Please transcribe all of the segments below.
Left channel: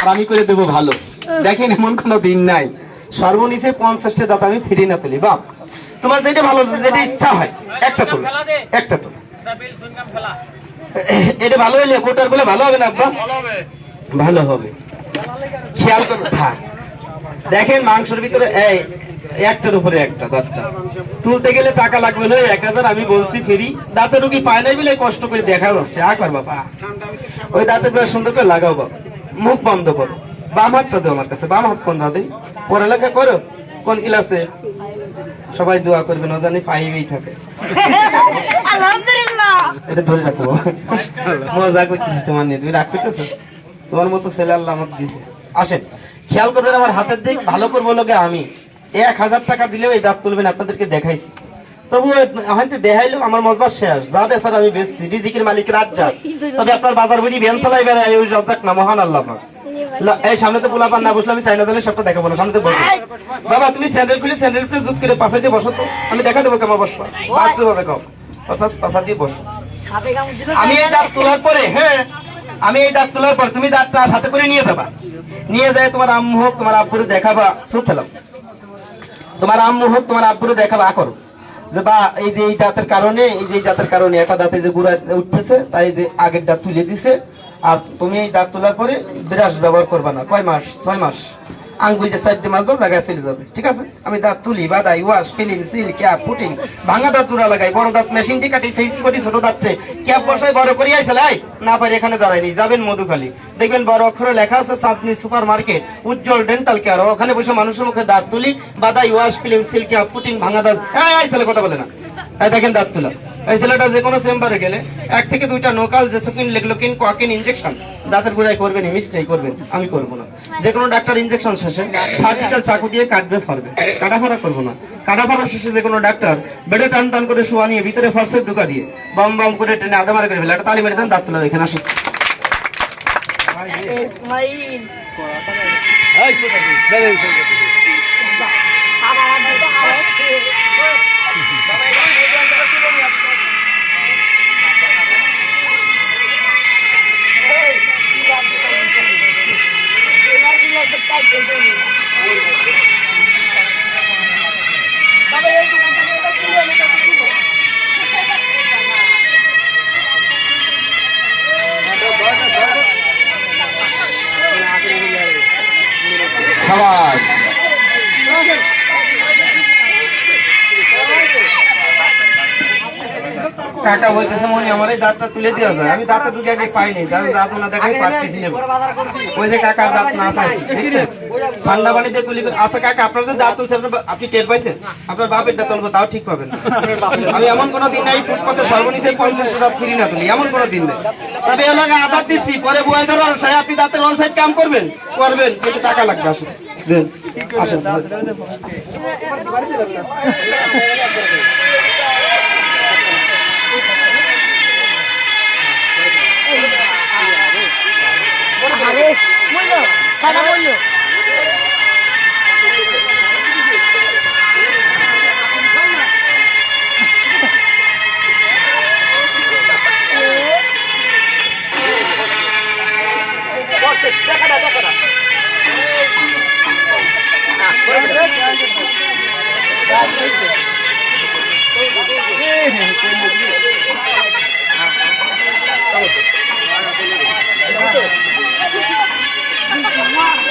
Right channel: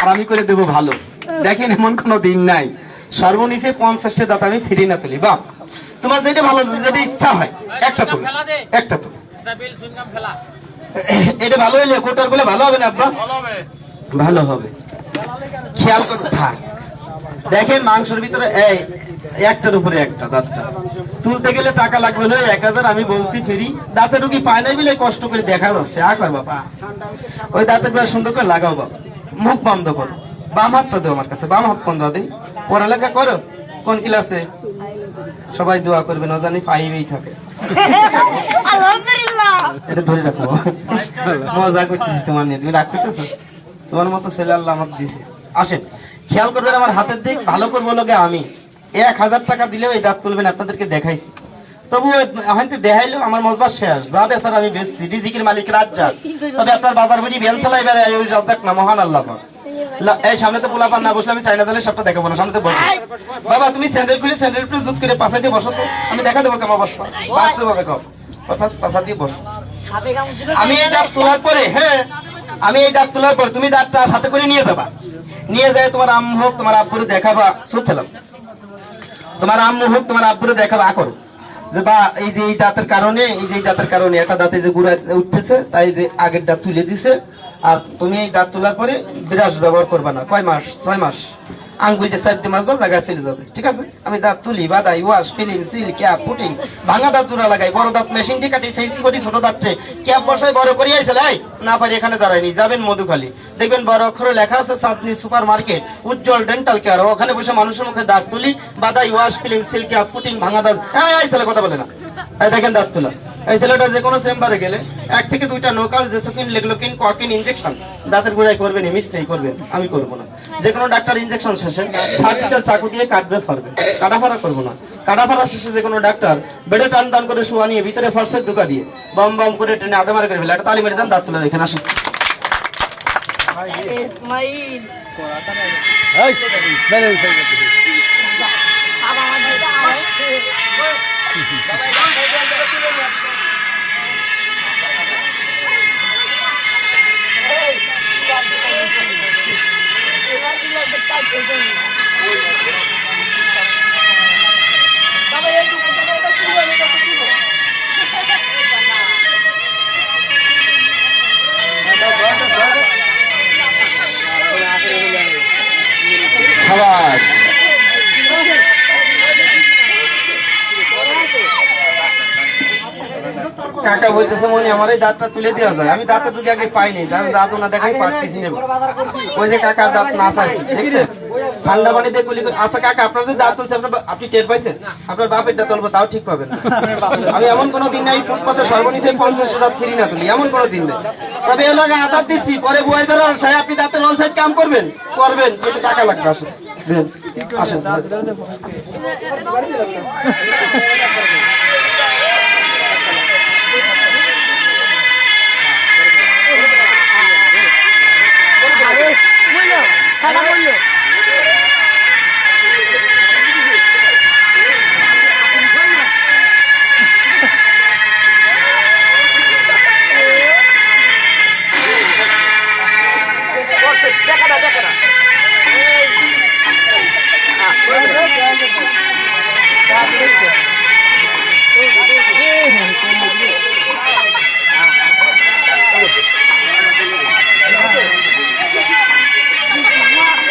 আর আমি করে দেবো ভালো। দেখেন এমন কোনো দিন নাই। সর্বনিচে পঞ্চাশটা দাঁত আমি ফিরে না তুলি। বাপ তোমার যেটা ভালো যেটা ইচ্ছা হয় একটা তুলো। একটা তুলো। ফেলা। এটা ভালো হইলে কোটার বলে ভালো হবে না আব্বা? ভালো হবে। খেয়াল করো থাক। দেখেন মাংসের ভিতরে এই একটার উপরে একটা দাঁতটা। তুলতে গেলে টাকা লাগবে না এক হাজার আমি বলছি ফেরি। দাঁতে রুগী পায় নাই বলে কষ্ট করে দেখা যাচ্ছে। আ কর বাবা ওই দাঁতের সুন্দর করে লাগাও বাবা। মুখ বন্ধ করো। বাম হাতটা দাও আমার কাছে বাম হাত কোন দিন পড়ালেখা করো কোন ক্লাসে? সবাই দোয়া করবে না জানি ফাইভেই থাকে। এটা ধরে রাখো। মজা করতেছি তোমার নিয়ে তুমি রাগ করতেছো? তোমার মতো ছেলে আল্লাহ আমাকে দিছে। আসেন খেয়াল করবেন আমার হাতের দিক ভালো করব লোকে আমি। এক হাজার টাকা দিলেও এই দাঁত তুলবেন আপনাদেরকে দেখাইছি। আমার শেষ। যা আমি তবে আপনার বাজার বেন এই সামনে তো না আমি চাইনা সামনে বাবা, তুমি খুলে তো। আমি দেখা দেবো দিয়ে বসো। আমি এই তোলার পরে হ্যাঁ আমি এই তোলার পর তুমি হাতে করে নিয়ে যাবা। নিয়ে যায় তোমার আম্মু হোক, তোমার আব্বুরে দেখাবা চুপ ফেলাম তোমার আম্মু হোক, তোমার আব্বুরে দেখাবা করো। যে বা, এই যে এই দাঁতের কারণে, এই যে দাঁতের কারণে একটা দাঁতে যে গুড়া উঠতেছে, তাই যে আগের দাঁত তুলে দিছে। আর তুমি এই দাঁত তোলার পরে ব্রাশ ব্যবহার করবা না। কয় মাস? ছয় মাস। আঙ্গুল যে সাইড দিয়ে মাসবা জায়গায় চলে যাবে। ঠিক আছে? আমি দাঁত তুলি বাদাই wash filling seal cap putting ভাঙা দাঁত চূড়া লাগাই, বড় দাঁত মেশিন দিয়ে কাটি, সেই করি ছোট দাঁতটে ক্যাপ বসাই, বড় করি আইছে লাই না পারি এখানে দাঁড়াইনি যাবেন মধুখালী। দেখবেন বড় অক্ষরে লেখা আছে Chandni super market Ujjwal dental care ওখানে বসে মানুষের মুখে দাঁত তুলি, বাদাই wash filling seal cap putting ভাঙা দাঁত। এই ছেলে কথা বলে না। এই দেখেন দাঁত তুলা। এই ছেলেটা যে কোনো চেম্বারে গেলে এক থেকে দুইটা নোকাল জেসোকিন লেগলোকিন কোয়াকিন ইনজেকশন দাঁতের গোড়ায় করবেন মিস নেই করবেন আমি করব না। যে কোনো ডাক্তার ইনজেকশন শেষে সার্জিক্যাল চাকু দিয়ে কাটবে ফারবে কাটা ফাড়া করব না। কাটা ফাড়া শেষে যে কোনো ডাক্তার বেডে টান টান করে শোয়া নিয়ে ভিতরে ফার্স্টের ঢুকা দিয়ে, বম বম করে ট্রেনে আধা মারে করে ফেলে একটা তালি মেরে দেন, দাঁত তুলে এখানে আসুন। ইসমাইল খাবার কাকা বলতেছে মনে আমার দাঁতটা তুলে দেওয়া যায়। আমি দাঁতটা দুটো আগে পাইনি যার দাঁত না দেখাই পাচ্ছি নেব। ওই যে কাকার দাঁত না পাইছি। ঠান্ডা পানিতে করে- আচ্ছা কাকা আপনার যে দাঁত তুলছে আপনার আপনি টের পাইছেন? আপনার বাপের দাঁত তুলবো তাও ঠিক পাবেন আমি এমন কোনো দিন নাই ফুটপাতে সর্বনিচে পঞ্চাশ দাঁত ফিরি না তুলি এমন কোনো দিন নেই। তবে এলাকায় আদার দিচ্ছি। পরে বই ধরো সাহেব আপনি দাঁতের ওয়ান সাইড কাম করবেন? করবেন কিন্তু টাকা লাগবে আসুন। দেন। আসেন। মূল্য সাদা মূল্য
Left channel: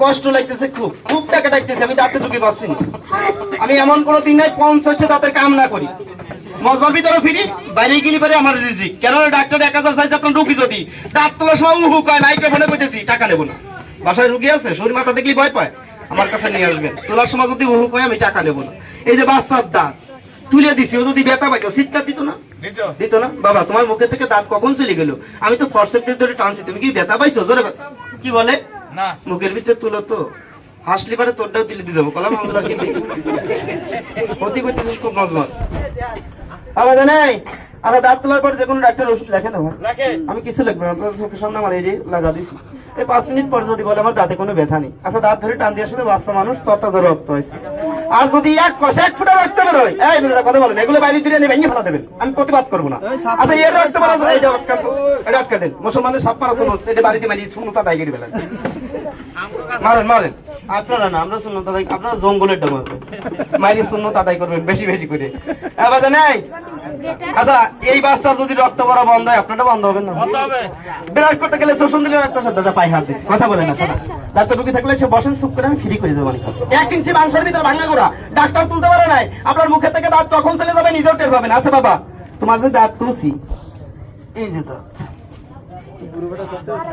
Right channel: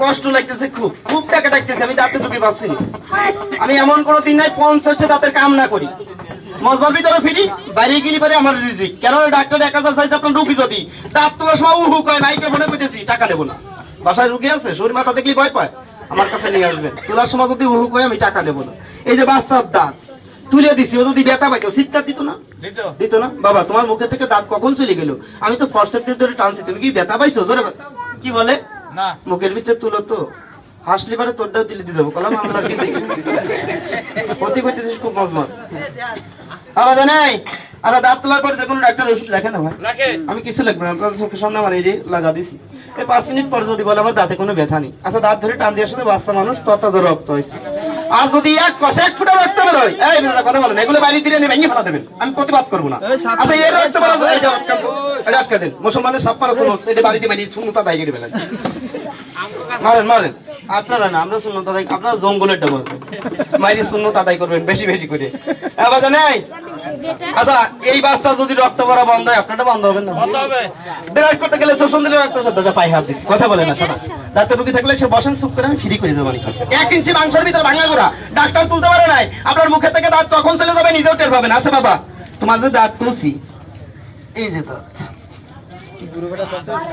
কষ্ট লাগতেছে খুব। খুব টাকা ডাকতেছে আমি দাঁতে ঢুকে পাচ্ছি। আমি এমন কোন দিন নাই পঞ্চাশটা দাঁতের কাম না করি। মজবার ভিতরে ফিরি বাইরে গেলি পরে আমার রিজিক। কেন ডাক্তার এক হাজার চাইছে আপনার রুগী যদি। দাঁত তোলার সময় উহু কয় মাইক্রোফোনে কইতেছি টাকা নেব না। বাসায় রুগী আছে শরীর মাথা ভয় পায়। আমার কাছে নিয়ে আসবেন তোলার সময় যদি উহু কয় আমি টাকা নেব না। এই যে বাচ্চার দাঁত তুলে দিছি ও যদি ব্যথা পাইতো সিটটা দিত না? দিত। না? বাবা তোমার মুখে থেকে দাঁত কখন চলে গেল? আমি তো ফর্সেপ দিয়ে ধরে টানছি তুমি কি ব্যথা পাইছো? জোরে কথা। কি বলে? না। মুখের ভিতরে তুলো তো। হাসলি পারে তোরটাও তুলে দিয়ে যাব কলাম আমরা ক্ষতি করতেছিস খুব মজমত আবার জানাই আরে দাঁত তোলার পর যে কোনো ডাক্তার ওষুধ লেখে না ভাই? আমি কিছু লিখব না আপনার চোখের সামনে আমার এই যে লাগা দিছি। এই পাঁচ মিনিট পর যদি বলে আমার দাঁতে কোনো ব্যথা নেই। আচ্ছা দাঁত ধরে টান দিয়ে সাথে বাচ্চা মানুষ তত্ত্বাধর ধরে রক্ত হয়েছে। আর যদি এক কষে এক ফুটা রক্ত বেরোয় এই বিধাতা কথা বলেন এগুলো বাইরে দিয়ে ভেঙে ফেলা দেবেন। আমি প্রতিবাদ করব না। আচ্ছা এর রক্ত বলা এটা আটকা দেন। মুসলমানের সব মারা শুনুন এটা বাড়িতে মারি শূন্যতা দায়গিরি বেলা মারেন মারেন। আপনারা না আমরা দায় আপনারা জঙ্গলের মাইরি দায় করবেন বেশি বেশি করে। আবার নাই? আচ্ছা এই বাচ্চা যদি রক্ত করা বন্ধ হয় আপনারটা বন্ধ হবে না? বিরাট করতে গেলে শোষণ দিলে রক্ত পায়ে হাত দিচ্ছে কথা বলে না ডাক্তার রুগী থাকলে সে বসেন চুপ করে আমি ফ্রি করে দেবো এক ইঞ্চি মাংসের ভিতরে ভাঙা গোড়া। ডাক্তার তুলতে পারে নাই। আপনার মুখে থেকে দাঁত তখন চলে যাবে নিজেও টের পাবেন আচ্ছা বাবা তোমার যে দাঁত তুলছি এই যে দাঁত।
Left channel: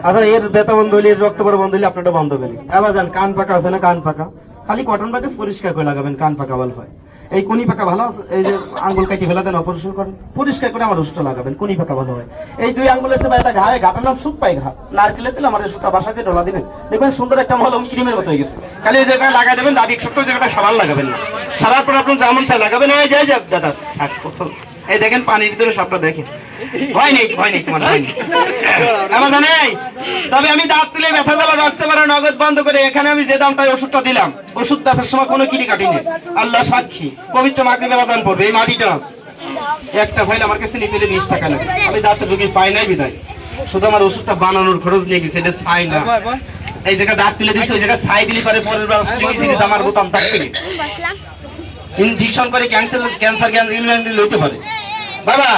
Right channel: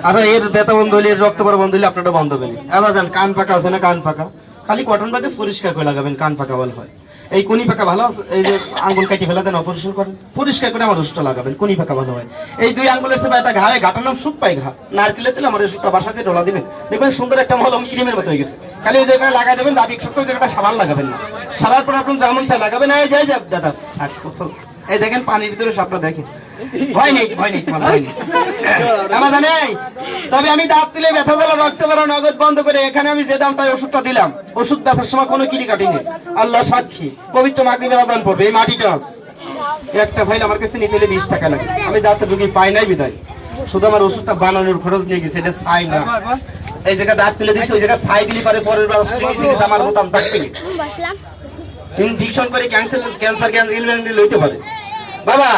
আচ্ছা এর ব্যথা বন্ধ হইলে এর রক্ত বন্ধ হইলে আপনারটা বন্ধ হবে না যান, কান পাকা আছে না, কান পাকা খালি কটন বাদে পরিষ্কার করে লাগাবেন, কান পাকা বল হয়। এই কোনি পাকা ভালো এই যে আঙ্গুল কাটি ফেলা দেন, অপারেশন করেন। পরিষ্কার করে আমার ওষুধটা লাগাবেন, কোনি পাকা ভালো হয়। এই দুই আঙ্গুলের সেবা একটা ঘায়ে ঘাটার নাম সুখ পাই ঘা। নারকেলের তেল আমার ওষুধটা বাসাতে ডলা দিবেন। দেখবেন সুন্দর একটা মলম ক্রিমের মতো হয়ে গেছে। খালি ওই জায়গায় লাগাই দেবেন, দাবি সপ্তাহ জায়গাটা সাবান লাগাবেন না। সারার পর আপনার যেমন চাই লাগাবেন, এই যাই যাক দাদা প্রথম এই দেখেন পানির ভিতরে সবটা দেখেন। ভয় নেই ভয় নেই তোমার ভয় নেই। আমার তবে আমি দাঁত তুলে ব্যথা জ্বালা রাখতে পারা নগদ বন্ধ করে এখানে আমি যে দামটায় ওষুধটা দিলাম ওষুধ ব্যথার সময় কোনো কিনি কাটিনি আল্লাহ সাক্ষী পবিত্র মাগরিবের আদান পড়বে এই মাটিটা একটা ফাইল আমার কাছে নিতে হলে বিশ টাকা লাগে। আমি দাঁতে রুগী পাই নাই বিদায়। শুধু আমার ওষুধটা বানানোর খরচ নিয়ে গেছে এটা ছাই না। এই জায়গায় দাঁত তুলে দিচ্ছে ওই জায়গায় ছাই দিলে পরে পরের বার আমার বোতাম থাকবে ইনফেকশন করে ক্যান্সার ক্যান্সার ক্যান্সার লইতে পারে। বাবা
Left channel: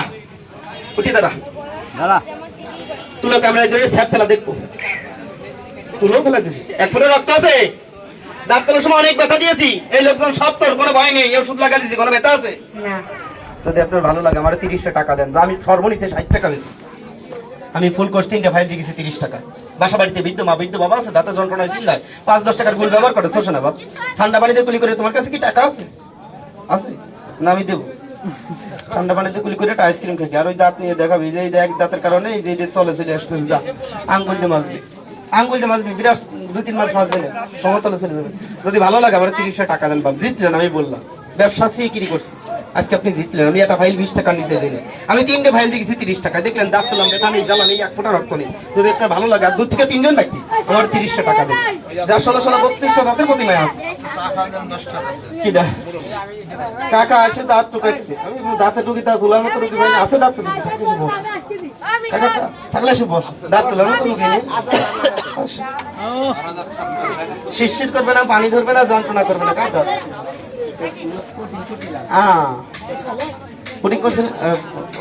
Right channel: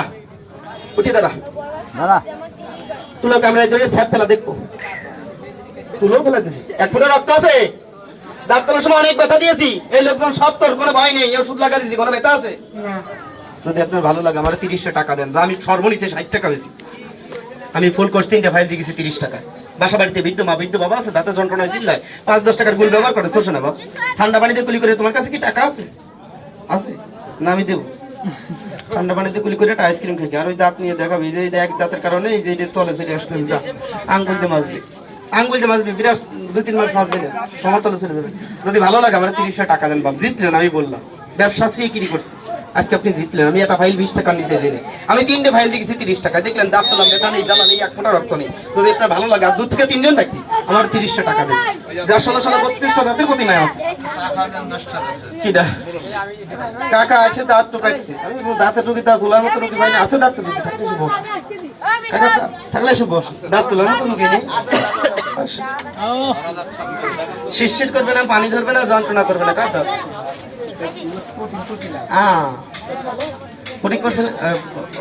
উঠে দাঁড়া। দাঁড়া। তুলো ক্যামেরায় ধরে স্যাপ ফেলা দেখব। তুলো ফেলা দিছি এক ফুটা রক্ত আছে। দাঁত তোলার সময় অনেক ব্যথা দিয়েছি। এই লোকজন সব তোর কোনো ভয় নেই। ওষুধ লাগা দিয়েছি কোনো ব্যথা আছে? যদি আপনার ভালো লাগে আমার তিরিশটা টাকা দেন। আমি সর্বনিচে ষাট টাকা বেশি। আমি ফুল কোর্স তিনটে ফাইল দিয়ে গেছি তিরিশ টাকা বাসা বাড়িতে বৃদ্ধ মা বৃদ্ধ বাবা আছে দাঁতের যন্ত্রণা চিল্লায়। পাঁচ দশ টাকার গুল ব্যবহার করে শোষণ বাবা ঠান্ডা পানিতে কুলি করে তোমার কাছে কি টাকা আছে? আছে? না আমি দেবো। ঠান্ডা পানিতে গুলি করে একটা আইসক্রিম খেয়ে আর ওই দাঁত নিয়ে দেখাবি, যে এই যে এক দাঁতের কারণে এই যে তলে চলে আসতে যা। আঙ্গুল দিয়ে মাছবি আঙ্গুল দিয়ে মাছবি বিরাট দুই তিন মাস মাছবে না, সমতলে চলে যাবে। যদি ভালো লাগে আমার তিরিশশো টাকা দেন বাপ, জিতলেন আমি বললাম। ব্যবসা কিনি করছি। আজকে আপনি জিতলেন আমি একটা ফাইল বিশ টাকা নিচে দিনে আমি তিনটে ফাইল দেখেছি তিরিশ টাকা দেখলেন দাঁত তোলাম ব্যথা নেই জ্বালা নেই এক ফোটা রক্ত নেই। যদি একটা ভালো লাগে আর দু থেকে তিনজন ব্যক্তি আমার তিরিশটা টাকা দেন। যার ষোলো ষোলো বত্রিশটা দাঁতের প্রতিমায় আছে। কিডা? কাকা আছে দাঁত টুকাইছে। আমি দাঁতে টুকি দাঁত তোলার মতো টুকি পাইনি। আছে দাঁত টুকি থাকলে এসে বস কাকা থাকলে এসে বস দাঁত তোলার মতো টুকি নেই। শিরশির করবে না পানি ধরবে না যন্ত্রণা করবে না কাটা হ্যাঁ।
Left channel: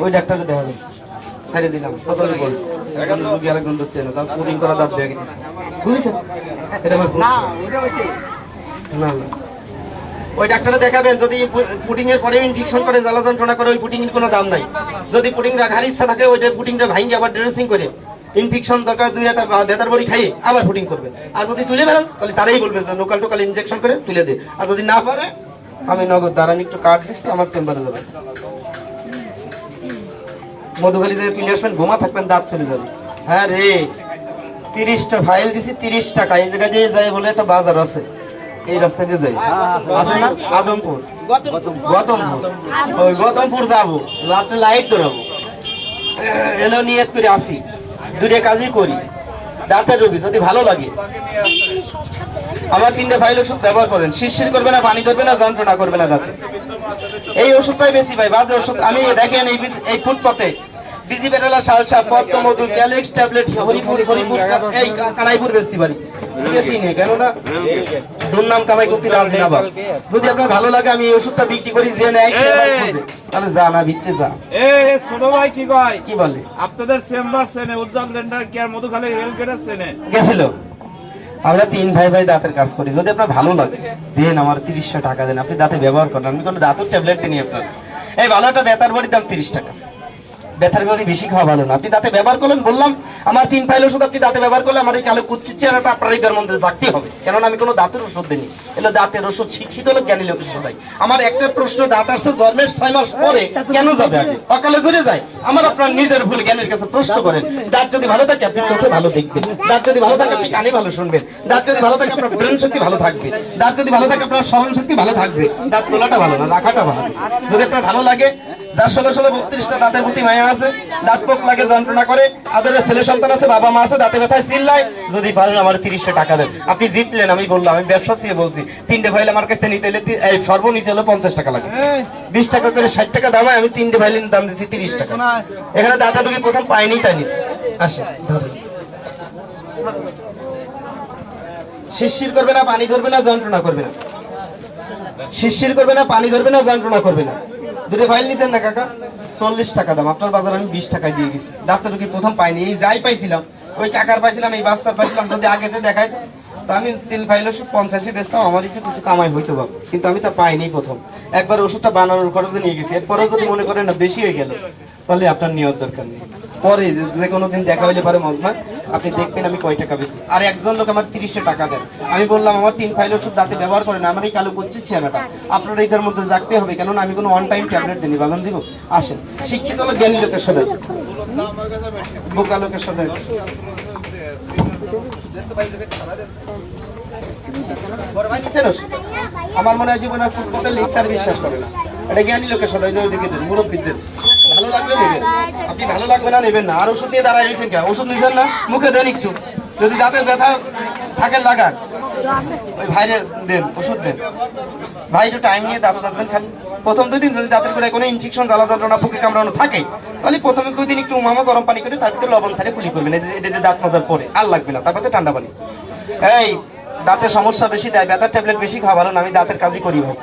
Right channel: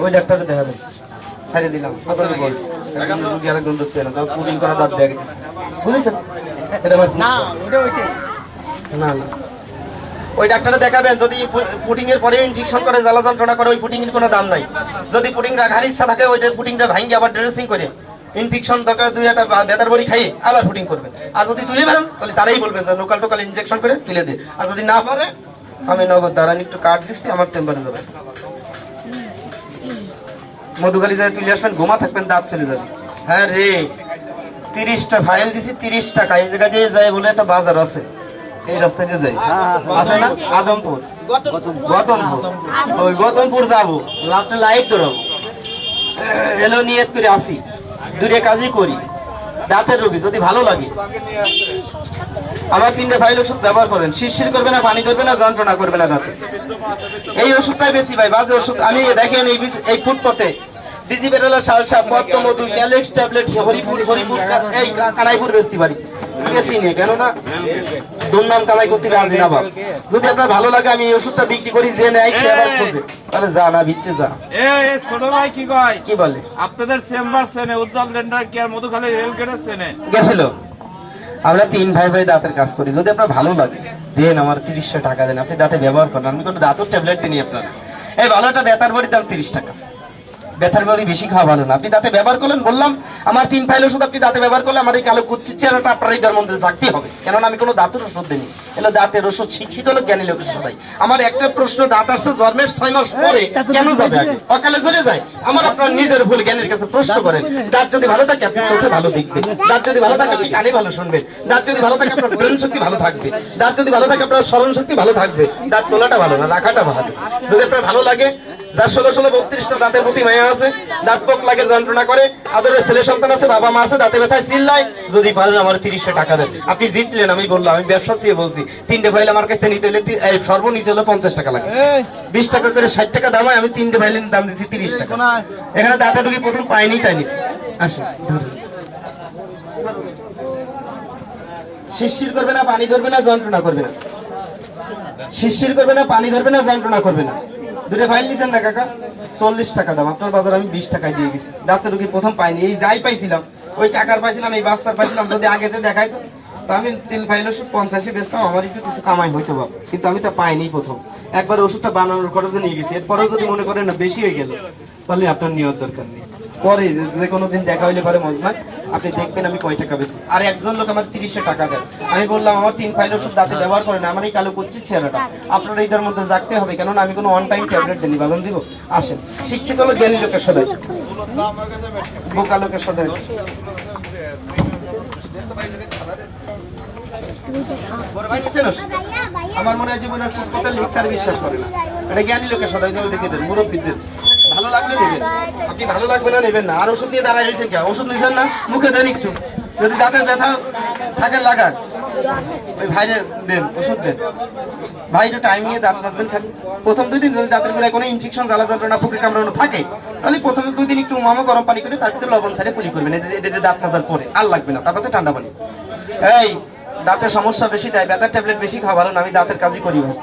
ওই ডাক্তারে দেখা যাচ্ছে। ছাড়ে দিলাম। কত বল? একজন রুগী আরেকজন ধরতে না তাও পুটিং করে দাঁত দেখে বুঝেছেন? এটা আমার না না ওই ডাক্তারে দেখাবেন যদি পুটিং এর পরে ইনফেকশন করে জ্বালা যন্ত্রণা করে ওই পুটিং এর কোনো দাম নাই। যদি ইচ্ছা থাকে ওইটা পুটিংটা ভাঙিয়ে আবার ড্রেসিং করে ইনফেকশন দরকার দুই একটা বেতার বড়ি খাইয়ে আবার পুটিং করবে আর যদি তুলে বেরোন তাহলে তারাই বলবে যে লোকাল টোকাল ইনজেকশন করে তুলে দে। আর যদি না পারে আমি নগদ দাঁড়ান একটু কার্ড দিচ্ছি আমার চেম্বারে যাবে মধুখালি যায় তুলে আসবেন ঘুমা থাকবেন দাঁত চলে যাবে। হ্যাঁ রে তিরিশটা ফাইল দিছি তিরিশ টাকা। এই জায়গা দিয়ে যায় বলে একটা বাজার আছে। এই রাস্তা দিয়ে যাই। আছে না? আদমপুর। গতমপুর। ওই গতমপুর যাব। রাত্রে লাইট ধরাবো। এলো নিয়ে করে আসি। দূরে কাজই করি। দাঁতের রোগী যদি ভালো লাগে। আবার তিনটে ফাইল ওষুধ ব্যবহার করেন। শিরশির করবে না পানি ধরবে না যন্ত্রণা করবে না দাঁতে এই ওষুধটাই বেশি ভাই বাজে ওষুধ। আমি দেখেন এই এই ফুটপথে বিজি বেরোলা সালসা পদ্ম মধু ক্যালেক্স ট্যাবলেট হরিপুর হরিপুর এই কানাইপুর বেশি পারি বেশি নিয়ে কেননা দুর্নাম কামাই করতে রাজি না বাপ। যদি আপনার ভালো লাগে আমি এই ওষুধটা বিক্রি করি যে নেয় সে আবার খোঁজে। তাহলে যা না বিচ্ছে যা। এ এ, ছোট ভাই কি কয়? কি বলে? আপনাদের চেম্বার চেনে উজ্জ্বল লেন্ডার কেয়ার মধুখালী রেল গেটের চেনে। গেছিল? আমরা তিন ভাই ভাই দাঁতের কাজ করি। যদি আপনার ভালো লাগে, দেন আমার তিরিশশো টাকা দেন। আপনি দাঁতে ব্যবহার করেন। আমি কোনো দাঁতের ট্যাবলেট দিই আপনার। এই ভালো একটা বেতার বাড়ির দাম তিরিশ টাকা। ব্যথার বড়ি বেশি খাওয়া ভালো না। আপনি দাঁতে ব্যবহার করলেন, বললাম, আমার তিন ফাইল ওষুধ আপনি দাঁতে ব্যবহার করলে এই কালো কুচ্ছির চেহারাটা আপনার এই মন্দিরে থাকতে হবে। কেননা আমি কোনো দাঁতের ওষুধ দিইনি। এলো দাঁতের ওষুধ শিক্ষিত লোক জ্ঞানী লোকের সবাই আমার একটা প্রশ্ন, দাঁত আসছে জন্মের ছয় মাস পরে কেন যাবে আগে? অকালে ধরে যায়। আমার আপনার নিজের ভুল জ্ঞানের কাছে প্রশ্ন করেন, দাঁত যদি ভালো থাকে, আপনি চোখে ভালো দেখবেন। দাঁত যদি ভালো থাকে, আপনি কানে ভালো শুনবেন। দাঁত যদি ভালো থাকে, আপনার ব্রেন শক্তি ভালো থাকবে। দাঁত যদি ভালো থাকে, আপনার স্মরণ শক্তি ভালো থাকবে। দাঁত তোলাটা ভালো না, রাখাটা ভালো যদি আপনার ভালো লাগে যার ষোলো ষোলো বত্রিশটা দাঁতের প্রতি মায়া আছে দাঁত পোক লাগে যন্ত্রণা করে। আদরের ছেলে সন্তান আছে বাবা মা আছে দাঁতে ব্যথায় চিল্লায়। যদি পারেন আমার তিরিশটা টাকা দেন। আপনি জিতলেন আমি বললাম আমি ব্যবসা ছিয়ে বলছি। তিনটে ফাইল আমার কাছে নিতে হলে তি- সর্বনিচে হলো পঞ্চাশ টাকা লাগে। বিশ টাকা করে ষাট টাকা দামায় আমি তিনটে ফাইলের দাম দিচ্ছি তিরিশ টাকা। এখানে দাঁতা ঢুকি প্রথম পাইনি তাই নিচ্ছি আসে শিরশির করবে না পানি ধরবে না যন্ত্রণা করবে না। শিরশির করবে না পানি ধরবে না যন্ত্রণা করবে না। দুটো ফাইল নিছেন না কাকা? চল্লিশ টাকা দাম। আপনার বাজার আমি বিশ টাকায় দিয়ে গেছি। ডাক্তার রুগী প্রথম পাইনি। এই যাই পাইছিলাম, ওই টাকার পাইছিলাম, এই বাচ্চার পাইছিলাম, যদি আগেতে দেখাই তো। আমি তিন ফাইল ওষুধ পঞ্চাশে বেচতাম, আমার একটু কিছু কামাই হইতো বাবু কিন্তু আমি তা পাইনি প্রথম। একবার ওষুধটা বানানোর খরচে নিয়ে গেছি। এরপরেও যদি মনে করেন না, বেশি হয়ে গেল, তাহলে আপনার নেওয়ার দরকার নেই। পরে যে- কোনো দিন দেখা হইলে পারে মজমা, আপনি দেখবেন আমি কয় টাকা বেশি। আর একজন লোক আমার তিরিশটা টাকা দেয়। আমি বললাম, আমার তিন ফাইল ওষুধ দাঁতে ব্যবহার করেন আমার এই কালো করছি চেহারাটা আপনার এইটার মধ্যে রাখতে হবে, কেননা আমি কোনো অন টাইম ট্যাবলেট দিনি বাদন দিব? আসেন। শিক্ষিত লোক, জ্ঞানী লোকের সাথে বোকা লোকের চেনোস? আমার মনে হয় জীবনের ফুটপথে লিখতার বিশ্বাস করে না। এটা জ্ঞানী লোকের সাথে ওইদিকে দেন, মুরব্বীদের। ভালো লাগলে নেবেন। আপনি ভালো লাগবে না, নেবেন না। আর ওষুধ দিয়ে দাঁড়ায় রয়েছেন কে? ওষুধ নিছেন না? মুখে দেন একটু। যদি দাঁতের ব্যথা থাকে, লাগান। ওই ভাইরে দেন, ওষুধ দেন। ভাই, একটু টাইম নিয়ে দাঁত মাজবেন প্রথম দুই দিন যদি দাঁতের গোড়ায় কোনো ইনফেকশন জ্বালা যন্ত্রণা, ফুকে কামড়ানো থাকে, তাহলে প্রথমে দুই দিন একটু উমামো গরম পানি করে তার ভিতরে লবণ সারে পুলি করবেন। এটা দাঁত মাজার পরে। আর লাগবে না। তারপরে ঠান্ডা পানি। এই দাঁতের সমস্যা বেশি দেয় ব্যথার ট্যাবলেট বেশি খাওয়া ভালো না, আমি দাঁতের কাজই করি ভাই।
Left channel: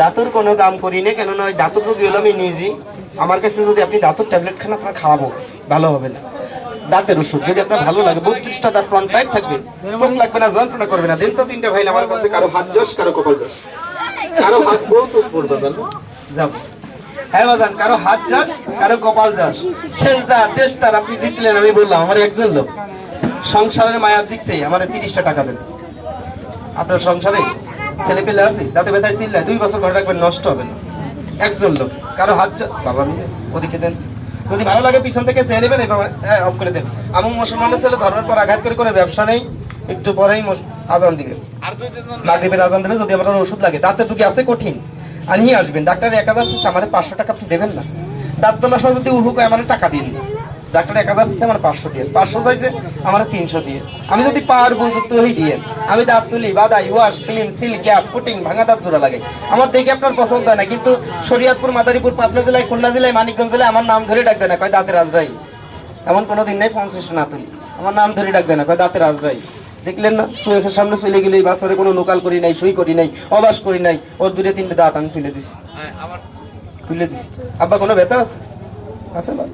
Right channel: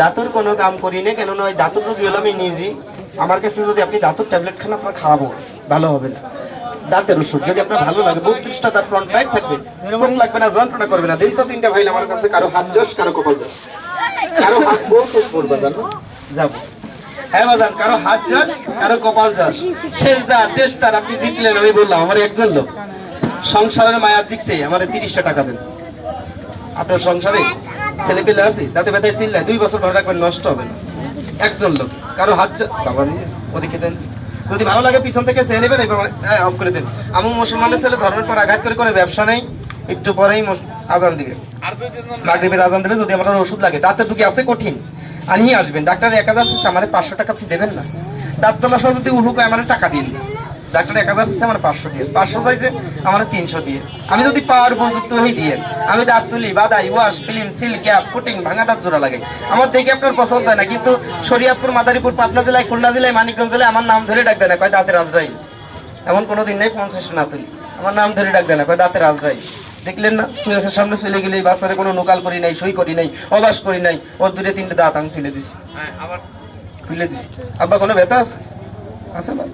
দাঁতুর কোনো কাম করি না, কেননা ওই দাঁতুর রোগী হলো আমি নিজেই, আমার কাছে যদি আপনি দাঁতুর ট্যাবলেট খান, আপনার হবে ভালো হবে না। দাঁতের ওষুধ, যদি আপনার ভালো লাগে, বত্রিশটা দাঁত ফ্রন্ট টাইট থাকবে লাগবে না, যন্ত্রণা করবে না তো তিনটা ভাই আমার কাছে, কারও হাত যশ কারও কপাল যশ কারও হাত বলতে পড়বে যাব হ্যাঁ কারও হাত যশ কারও কপাল যশ শেষ দাঁত, দেশ তার, আপনি জিতলেন, আমি বললাম, আমার একজন লোক। সংসারের মায়ার দিক থেকে আমার তিরিশটা টাকা দেন। আপনার সংসারে ছেলে পেলে আছে তাতে ব্যথায় চিল্লায় দুই বছর ঘরে রাখবেন নষ্ট হবে না। একজন লোক কারও হাত বাবা নিয়ে ওদিকে দেন। যদি ভালো লাগে পিছন থেকে চেয়ে নেবেন অফ করে দেন। আমি মুসলমানের ছেলে ধর্মের পর আঘাত করে করে ব্যবসা নেই একটু পরেই আজান দিবে। মাগরিবের আজান দেবে যদি আপনার ওষুধ লাগে। দাঁতের রুগী আছে কঠিন। আনিয়ে আসবেন। ডাক্তার এক হাজার আমার পাঁচশো টাকা আপনি দেবেন না। দাঁত তোলার সময় যদি উহু কয় আমার টাকা দিন। ডাক্তার এক হাজার আমার পাঁচশো দিয়ে। পাঁচশো চাইছে আমার তিনশো দিয়ে। আমি যদি পাওয়ার উপযুক্ত হই দিয়ে আমি দাঁত তুলি বাদাই wash filling seal cap putting ভাঙা দাঁত জোড়া লাগে। আমার দেখে আপনার পছন্দ হয় না কিন্তু শরিয়াতপুর মাদারীপুর পাবনা জেলায় খুলনা জেলায় মানিকগঞ্জ জেলায় আমার নাম ধরে ডাক দেয় না কয় দাঁতের আজরাই এমন কোনো দিন নেই পঞ্চাশ না তুলি। আমার নাম ধরে ডাক দেয় না কয় দাঁতের আজরাই দেখলেন না চোখের সামনে চলে গেলে এই বাচ্চারে কোনো নোকাল করি নাই সই করি নাই অবাস করি নাই ওর দুটো তিনটে দাঁত আমি তুলে দিছি। তুলে দিছি। আব্বা কোনো ব্যথা আছে? আছে ভাই?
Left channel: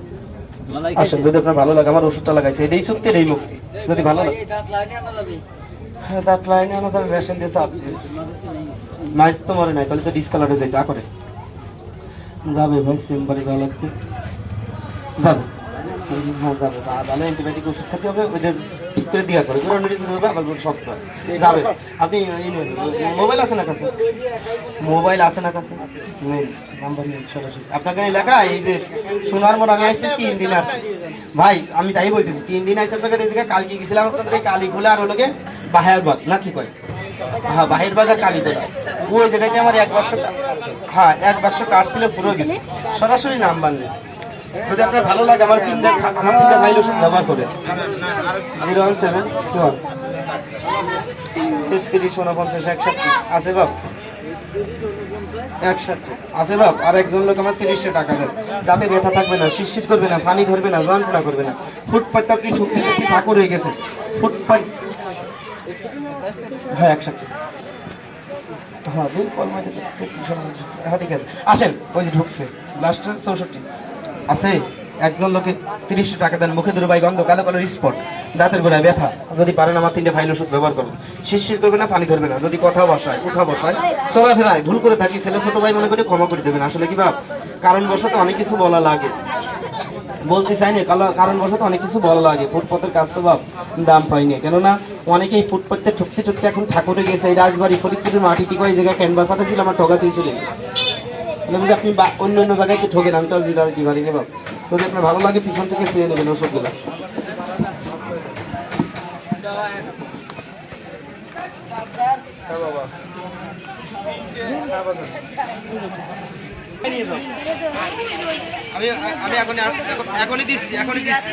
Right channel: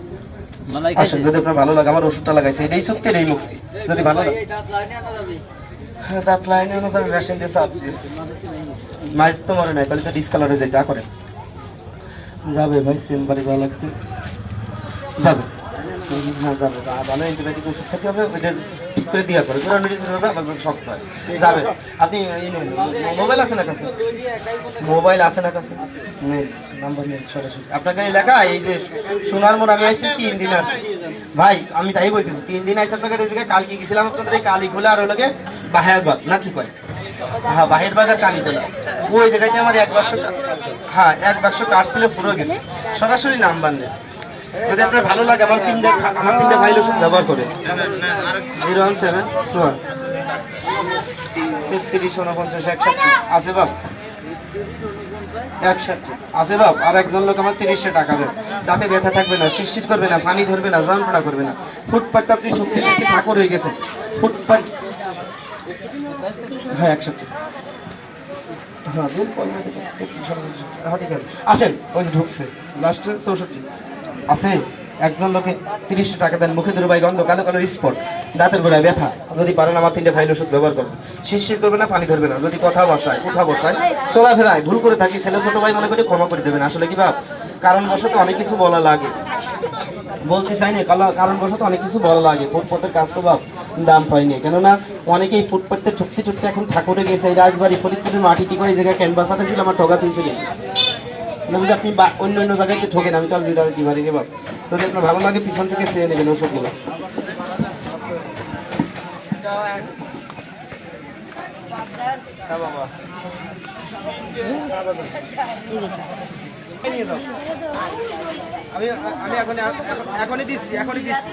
আসেন যদি আপনার ভালো লাগে আমার ওষুধটা লাগাইছে। এটাই সত্যি এই মুক্তি। যদি ভালো লাগে। দাঁত লাইনে আনা যাবে। মেশিন দিয়ে চাপ মাইজ তো মরে নাই তাহলে তো ডিসকালারে যায় যা করে। যাবে ভাই চেম্বারে ভালো লাগছে যাবে। হ্যাঁ যাবে। ভালো অ্যান্টিবায়োটিক ওষুধ খেতে হবে ওই যে করে দিয়া করে পুরো মেডিসিন হবে যদি শক্ত হয়। যাবে। আপনি মোবাইল আছে না কাছে? মোবাইল আছে না কাছে? নাম্বার নেই, সরাসরি। আপনাকে লেখা, এই যে সোনার মোড়, আমি আসছি তিন দিন আসছি ভাই, আমি তাই বলতেছি, তিন দিন আসছি আপনাকে জায়গায় কালকে গেছিলাম আপনাদের এই কালী খুলে আর ওগুলোকে বাহের বাগ। না কি কয়? হ্যাঁ বাহের বাগ আর কালী তোলা ওই জায়গাতে আমার এক বাক্স হ্যাঁ এক বাক্স কাঠ ছিল পুরো গেছে। সরাসরি নাম্বার নেই। যদি আপনার ভালো লাগে, আমার তিনটা আমার তিনটা ফাইল ওষুধ ব্যবহার করে zero one seven two one তেত্রিশ একষট্টি। আছে বাপ? একষট্টি। আছে বাপ? আর একজন লোক আমার তিরিশটা টাকা দেন। যাতে ব্যথা থাকবে না করবে না, পানি ধরবে না, যন্ত্রণা করবে না। ফুটপাত আপনি শক্তি শক্তি ঠাকুর হয়ে গেছে। ফুটপাত হ্যাঁ একষট্টি। হ্যাঁ হ্যাঁ ঠিক আছে। আসেন, ওই যে ঢুকছে। লাস্টের চৌষট্টি। আছে। একজন লোকে তিরিশটা টাকা দেন, মুখে দুর্বাই গন্ধ, কালো কালো স্পট, দাঁতের গোড়ায় ব্যথা। যদি পারেন আমার তিনটে ফাইল ওষুধ ব্যবহার করবেন শিরশির করবে না, পানি ধরবে না। যদি কথা বসায় উঠা বসায়, চলাফেরায় ভুল করে থাকি, ছেলে ছোট ভাই মনে করে ক্ষমা করে দেবেন। আসলে কি ভাব কারণ বশত অনেক কিছু বলা লাগে। বলতে চাই না কারণ কারণবশত অনেক কিছু বলা লাগে। ফুটপথের কাজ তো বাপ, দাম পাইনি কেননা অনেকেই ফুটপথে ঠুকতে ঠুকতে এখন ঠাকুরে গেছে। এই রাজবাড়ি, ফরিদপুরের মাটিতে কয় জায়গায় ক্যানভাসাটা ছিল, আমার চলে গেছে। যদি আপনি অন্য অন্য জায়গায় একটু ঠকেন আমি তো আর দিতে দিতে পারি বাপ যদি আপনার ভালো লাগে, পিছন থেকে চেয়ে নেবেন ওষুধগুলো বাবা বাবা। আমি আমি এখন এখন- এখনই দিচ্ছি এখনই দিচ্ছি